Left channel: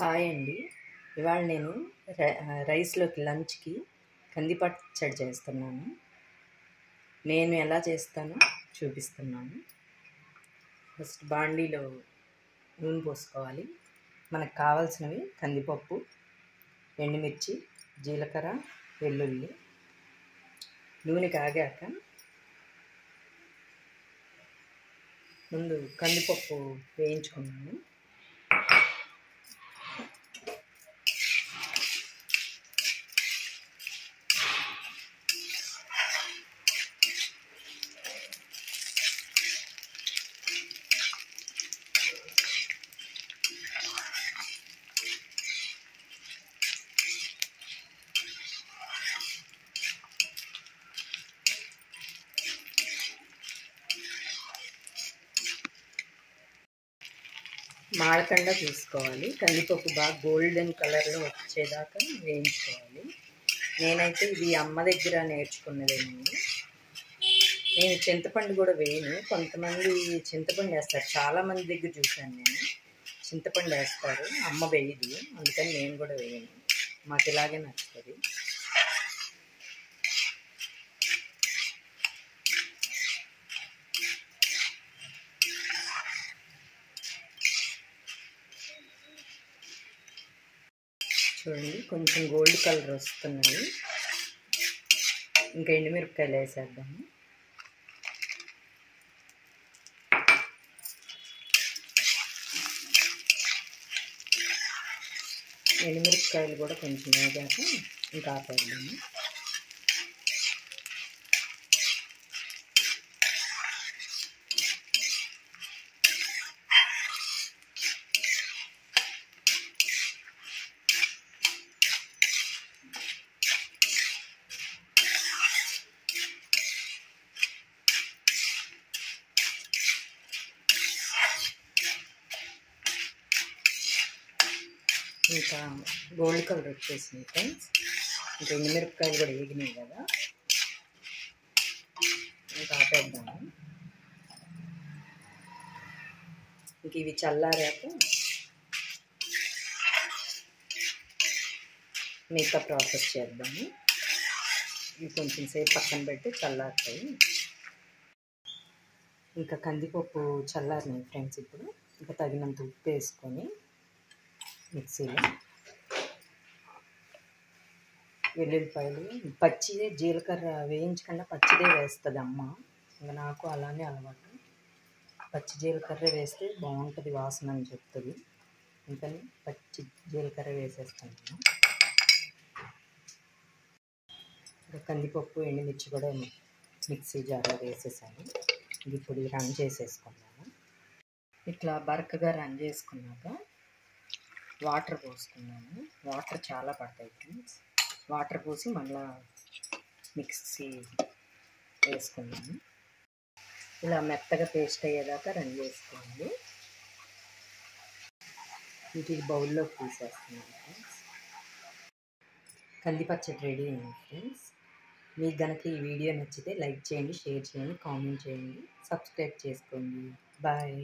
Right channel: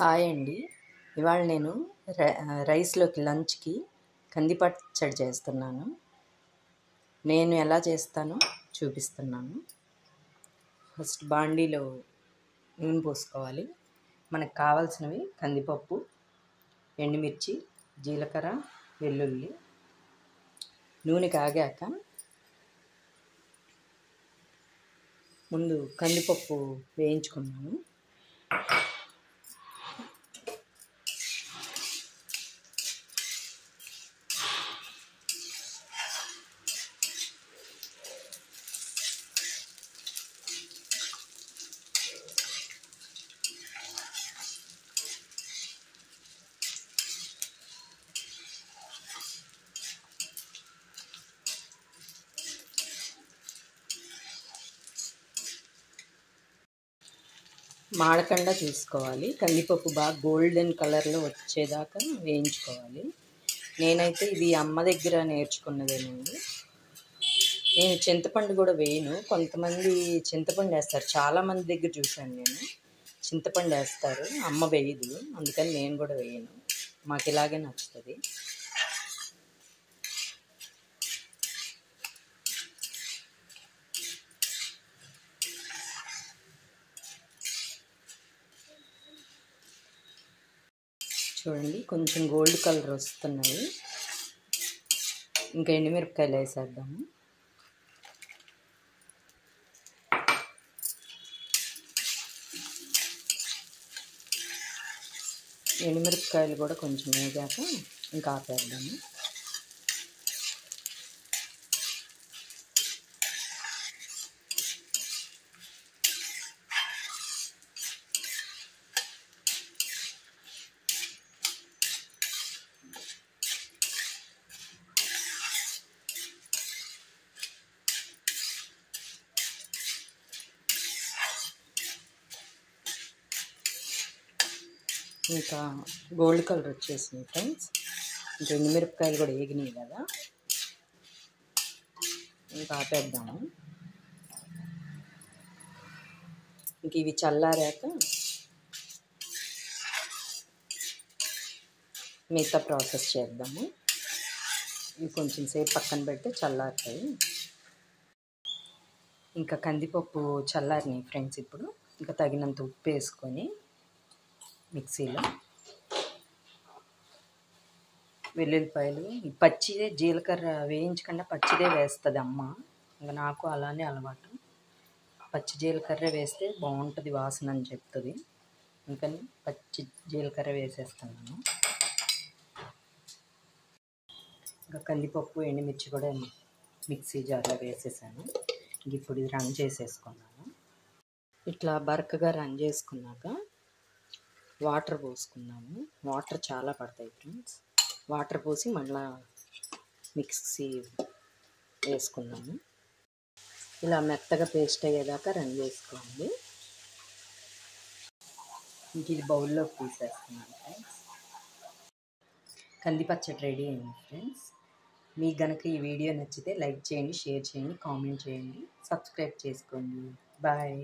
Hi అండి. ఇవాళ నేను రైస్‌లోకి లంచ్‌కి కంది పచ్చడి చేస్తున్నాను. నేను ఎలా చేస్తానో చూపిస్తున్నాను. ఫస్ట్ బాండీలో నూనె పోసుకోవాలి. మనకు కావాల్సినవి కందిపప్పు, ఎండుమిర్చి, జీలకర్ర, వెల్లుల్లి. నూనె కాగాక ముందు కందిపప్పు వేయించుకున్నాను. మాడకుండా చూసుకోవాలి. కందిపప్పు బాగా గోల్డెన్ కలర్లో వచ్చేదాకా వేయించుకోవాలి. నేనైతే ఇది అమ్మ దగ్గర నేర్చుకున్నదేనండి. నేను చింతపండు కూడా వేయను. కొంతమంది చింతపండు వేస్తారు. చాలామంది దగ్గర చూశాను నేను. చింతపండు వేస్తారు, అమ్మ వేయదు. అందుకని నేను కూడా వేయను. మాకు ఇలాగే నచ్చుతుంది. చూడండి, కొంచెం గోల్డ్ కలర్ వస్తున్నాయి. ఇంకా ఎండుమిరపకాయలు వేసేద్దాము. ఎండుమిరపకాయలు కూడా కొంచెం వేగాక ఇంకా ఆపేద్దాము. ఇంకా గోల్డ్ కలర్ వచ్చేసింది ఫ్రెండ్స్. ఇంకా ఎండుమిరపకాయలు కూడా వేగినాయి కదా, ఇంకా ఆపేద్దాము. ఇంక ఇవి చల్లారాక మిగతా ప్రాసెస్ చేద్దాము. ఇవి కొంచెం సేపు పక్కన పెడితే చల్లారుతాయి. ఇంకా కందిపప్పు చల్లారినాయి ఫ్రెండ్స్. ఇప్పుడు ఇంకా తగినంత ఉప్పు వేసుకొని మిక్సీలో వెల్లుల్లిపాయలు పచ్చిదే, జీలకర్ర వేయించకుండా పచ్చిదే వేస్తుంది అమ్మ. ఇంకా నాకు అలానే అలవాటు. పచ్చి జీలకర్ర వేస్తే బాగుంటుంది వాసన అని చెప్తుంది. అందుకని పచ్చి జీలకర్ర వేసేస్తున్నాను. ఇంకా కందిపప్పు, ఎండుమిర్చి కూడా మిక్సీ జార్లో వేసేసాను. ఇప్పుడు రన్ చేసేసుకున్నాను. ఇట్లా బరకగా రన్ చేసుకున్నాక వాటర్ పోసుకున్నాను. వాటర్ చాలా పడతాయి ఫ్రెండ్స్. వాటర్ పోసి మళ్ళీ మిక్సీ వేసుకున్నాను. ఇలా మెత్తగా పేస్ట్ అయ్యేదాకా రన్ చేసుకోండి. ఇంక ఇది బౌల్లోకి తీసేస్తున్నాను ఫ్రెండ్స్. కంది పచ్చడి రెడీ అయింది ఫ్రెండ్స్. మీకు కనుక ఈ వీడియో నచ్చితే లైక్ చేయండి, షేర్ చేయండి, కామెంట్ చేయండి, సబ్స్క్రైబ్ చేసుకోండి. బాయ్.